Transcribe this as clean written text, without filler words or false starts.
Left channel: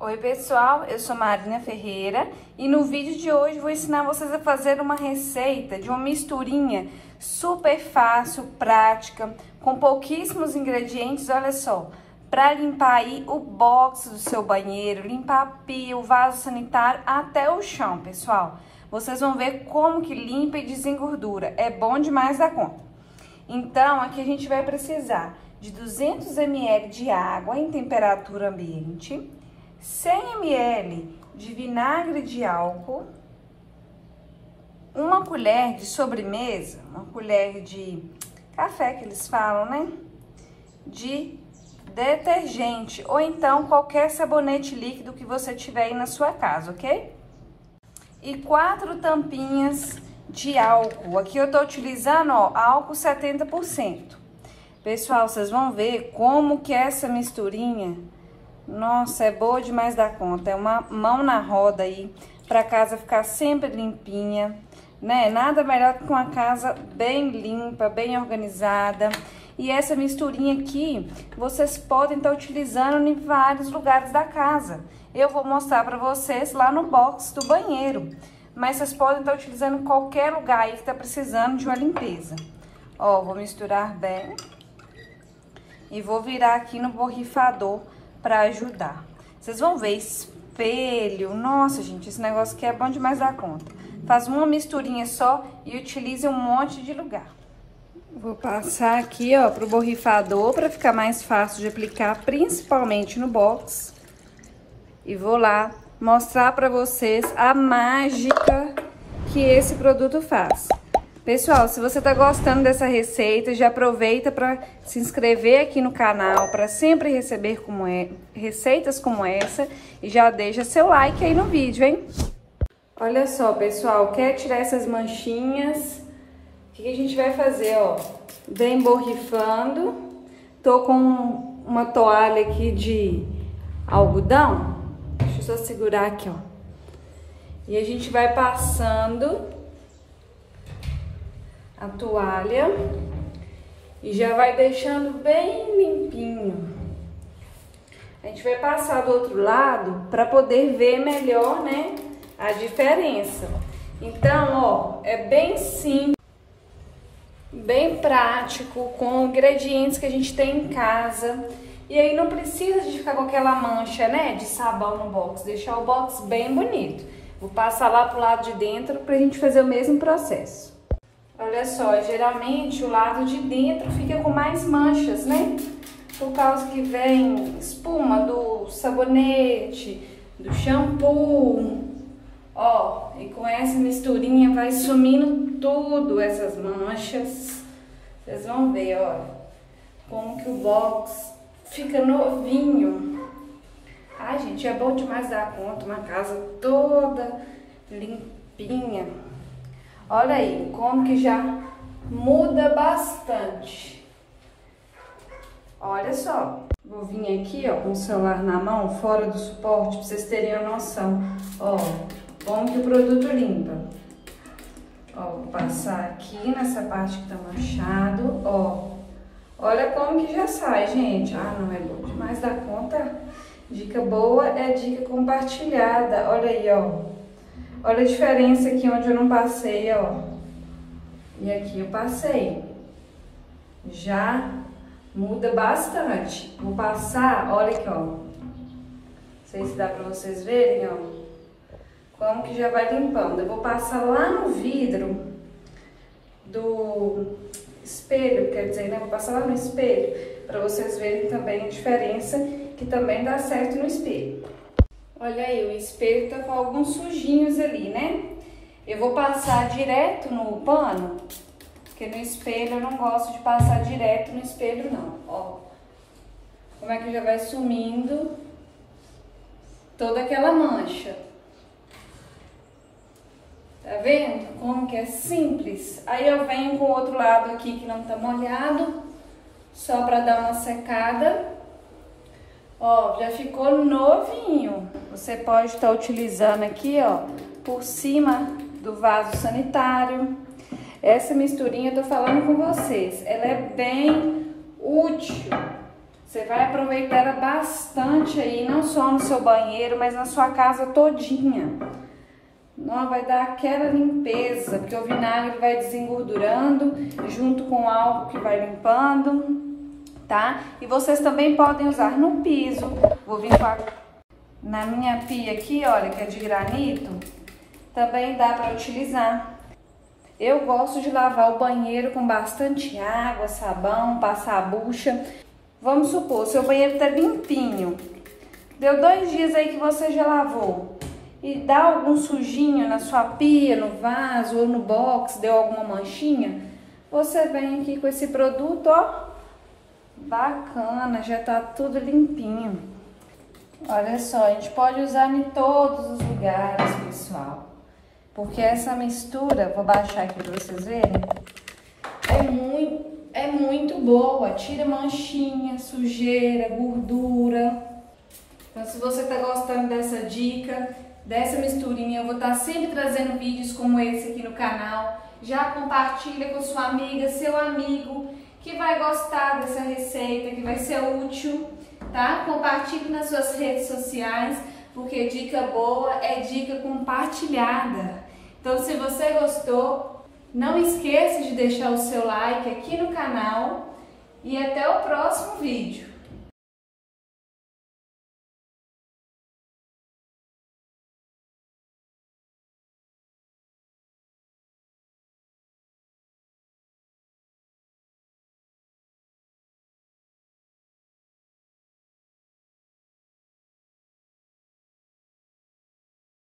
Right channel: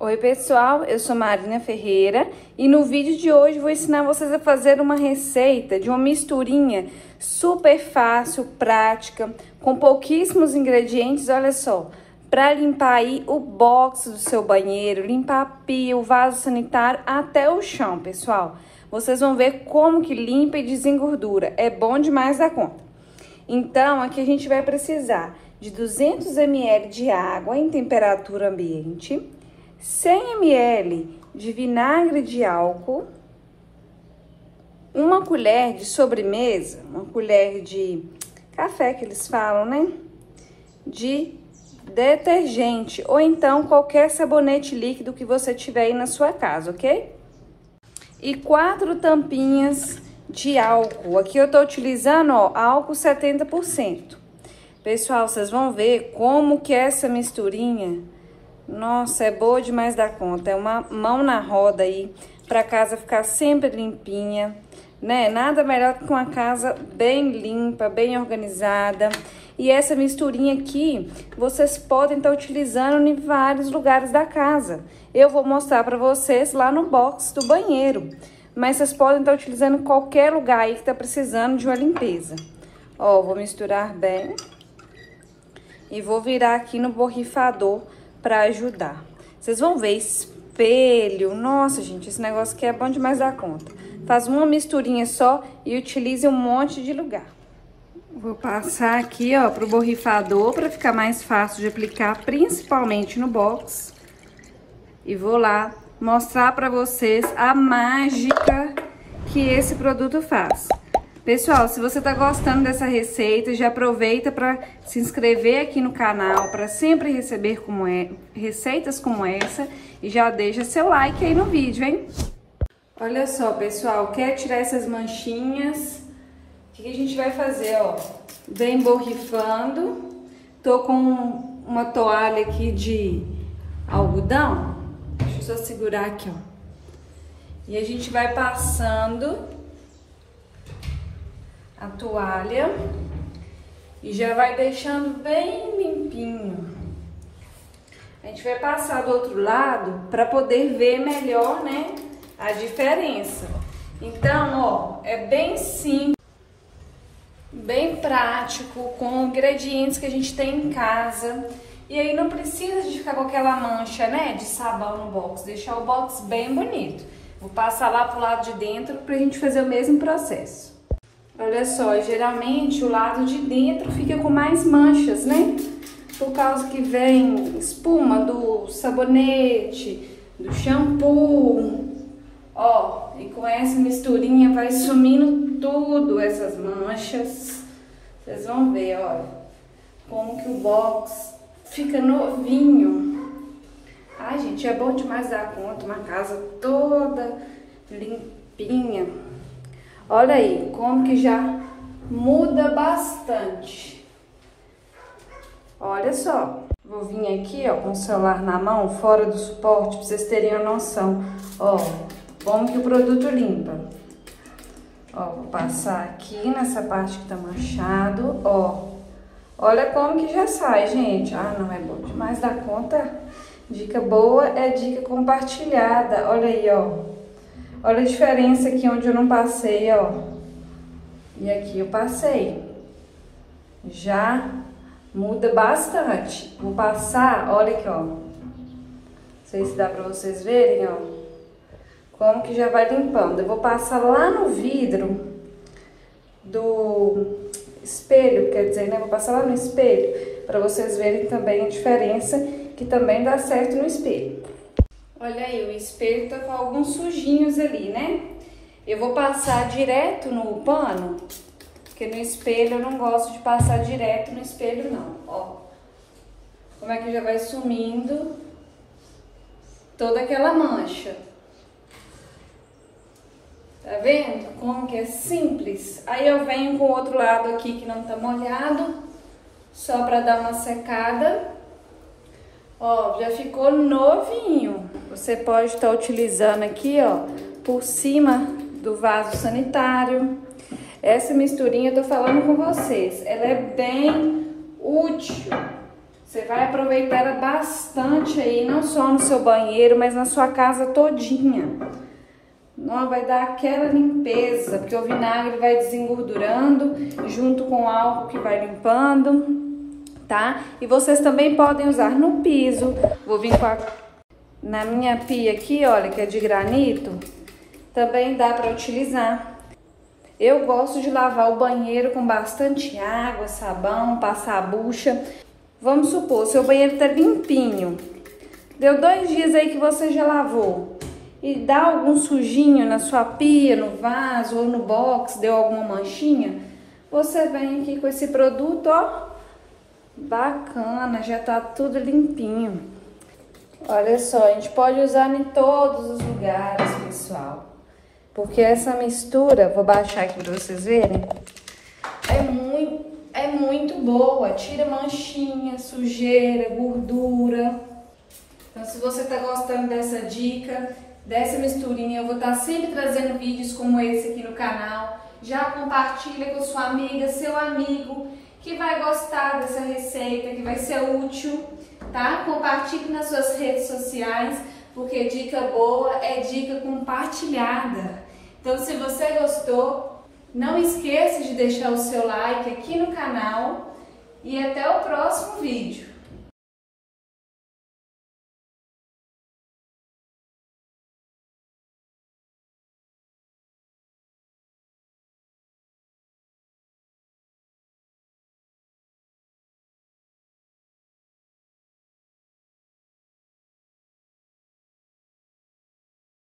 Oi pessoal, eu sou Marina Ferreira e no vídeo de hoje vou ensinar vocês a fazer uma receita de uma misturinha super fácil, prática, com pouquíssimos ingredientes, olha só, para limpar aí o box do seu banheiro, limpar a pia, o vaso sanitário, até o chão, pessoal. Vocês vão ver como que limpa e desengordura, é bom demais da conta. Então, aqui a gente vai precisar de 200 ml de água em temperatura ambiente, 100 ml de vinagre de álcool, uma colher de sobremesa, uma colher de café que eles falam, né? De detergente ou então qualquer sabonete líquido que você tiver aí na sua casa, ok? E 4 tampinhas de álcool. Aqui eu tô utilizando, ó, álcool 70%. Pessoal, vocês vão ver como que essa misturinha, nossa, é boa demais da conta. É uma mão na roda aí, pra casa ficar sempre limpinha, né? Nada melhor que com a casa bem limpa, bem organizada. E essa misturinha aqui, vocês podem estar utilizando em vários lugares da casa. Eu vou mostrar pra vocês lá no box do banheiro. Mas vocês podem estar utilizando em qualquer lugar aí que tá precisando de uma limpeza. Ó, vou misturar bem. E vou virar aqui no borrifador pra ajudar. Vocês vão ver espelho. Nossa, gente, esse negócio aqui é bom demais da conta. Faz uma misturinha só e utilize um monte de lugar. Vou passar aqui, ó, pro borrifador pra ficar mais fácil de aplicar, principalmente no box. E vou lá mostrar pra vocês a mágica que esse produto faz. Pessoal, se você tá gostando dessa receita, já aproveita para se inscrever aqui no canal, para sempre receber receitas como essa, e já deixa seu like aí no vídeo, hein? Olha só, pessoal, quer tirar essas manchinhas? O que a gente vai fazer, ó? Vem borrifando. Tô com uma toalha aqui de algodão. Deixa eu só segurar aqui, ó. E a gente vai passando a toalha e já vai deixando bem limpinho. A gente vai passar do outro lado para poder ver melhor, né, a diferença. Então, ó, é bem simples, bem prático, com ingredientes que a gente tem em casa. E aí não precisa de ficar com aquela mancha, né, de sabão no box, deixar o box bem bonito. Vou passar lá pro lado de dentro pra gente fazer o mesmo processo. Olha só, geralmente o lado de dentro fica com mais manchas, né? Por causa que vem espuma do sabonete, do shampoo. Ó, e com essa misturinha vai sumindo tudo essas manchas. Vocês vão ver, olha, como que o box fica novinho. Ai, gente, é bom demais dar conta, uma casa toda limpinha. Olha aí, como que já muda bastante. Olha só. Vou vir aqui, ó, com o celular na mão, fora do suporte, pra vocês terem a noção. Ó, como que o produto limpa. Ó, vou passar aqui nessa parte que tá manchado, ó. Olha como que já sai, gente. Ah, não é bom demais da conta. Dica boa é dica compartilhada. Olha aí, ó. Olha a diferença aqui onde eu não passei, ó. E aqui eu passei. Já muda bastante. Vou passar, olha aqui, ó. Não sei se dá pra vocês verem, ó. Como que já vai limpando. Eu vou passar lá no vidro do espelho, quer dizer, né? Vou passar lá no espelho pra vocês verem também a diferença, que também dá certo no espelho. Olha aí, o espelho tá com alguns sujinhos ali, né? Eu vou passar direto no pano, porque no espelho eu não gosto de passar direto no espelho, não. Ó, como é que já vai sumindo toda aquela mancha. Tá vendo como que é simples? Aí eu venho com o outro lado aqui que não tá molhado, só pra dar uma secada. Ó, já ficou novinho. Você pode estar utilizando aqui, ó, por cima do vaso sanitário. Essa misturinha eu tô falando com vocês, ela é bem útil. Você vai aproveitar ela bastante aí, não só no seu banheiro, mas na sua casa todinha. Não vai dar aquela limpeza, porque o vinagre vai desengordurando junto com o álcool que vai limpando, tá? E vocês também podem usar no piso. Vou vir na minha pia aqui, olha, que é de granito, também dá para utilizar. Eu gosto de lavar o banheiro com bastante água, sabão, passar a bucha. Vamos supor, seu banheiro tá limpinho. Deu 2 dias aí que você já lavou. E dá algum sujinho na sua pia, no vaso ou no box, deu alguma manchinha, você vem aqui com esse produto, ó, bacana, já tá tudo limpinho. Olha só, a gente pode usar em todos os lugares, pessoal, porque essa mistura, vou baixar aqui pra vocês verem, é muito boa, tira manchinha, sujeira, gordura. Então, se você tá gostando dessa dica, dessa misturinha, eu vou estar sempre trazendo vídeos como esse aqui no canal. Já compartilha com sua amiga, seu amigo, que vai gostar dessa receita, que vai ser útil, tá? Compartilhe nas suas redes sociais, porque dica boa é dica compartilhada. Então, se você gostou, não esqueça de deixar o seu like aqui no canal e até o próximo vídeo.